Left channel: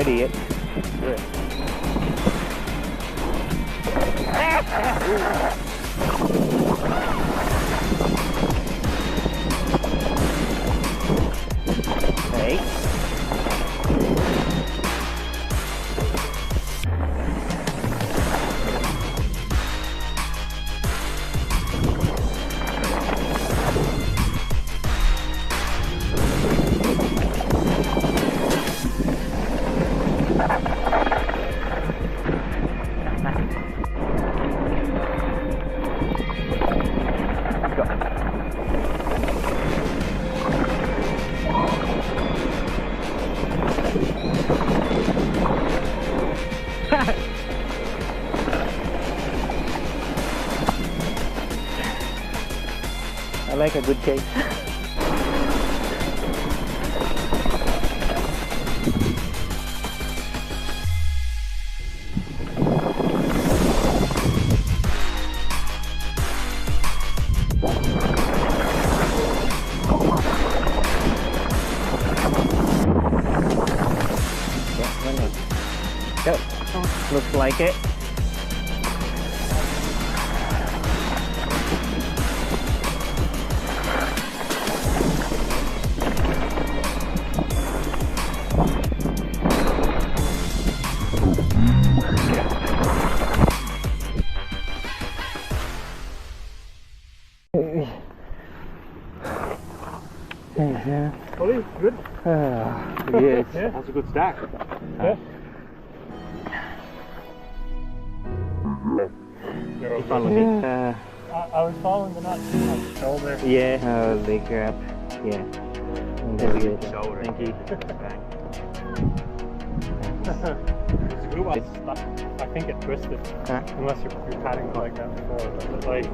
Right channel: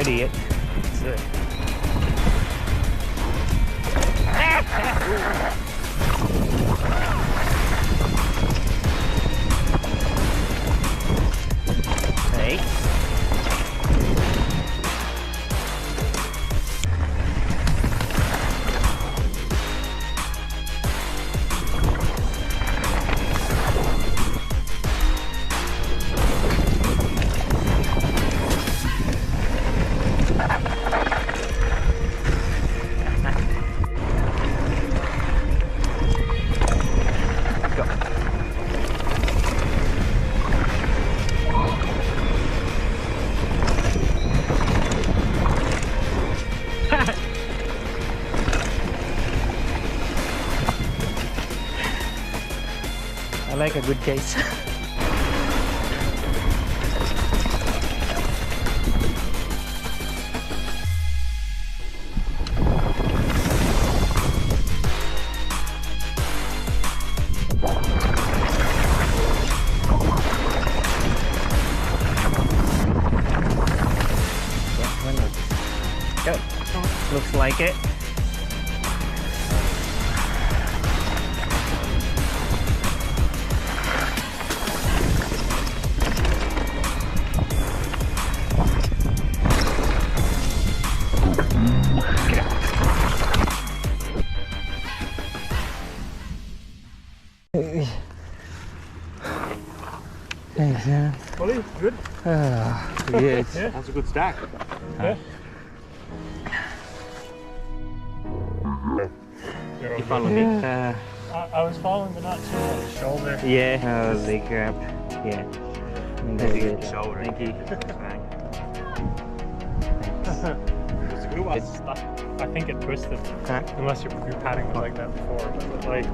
ready yet. Let's do it. Hey. I like a good case. Go. Looks like it. Thanks, man. Ollie, good? Yes. Yeah. That's a good stack. Yeah. You follow me? I was following, but not too much. Shoulder. Yeah, leg grab. Yeah. There we go. Shoulder. Thank you. It's a good one. I think it twisted. Huh? Unless you're patting it like that before. But like,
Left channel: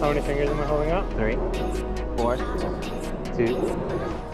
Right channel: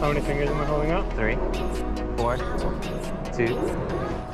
how many fingers am I holding up? 3, 4, 2.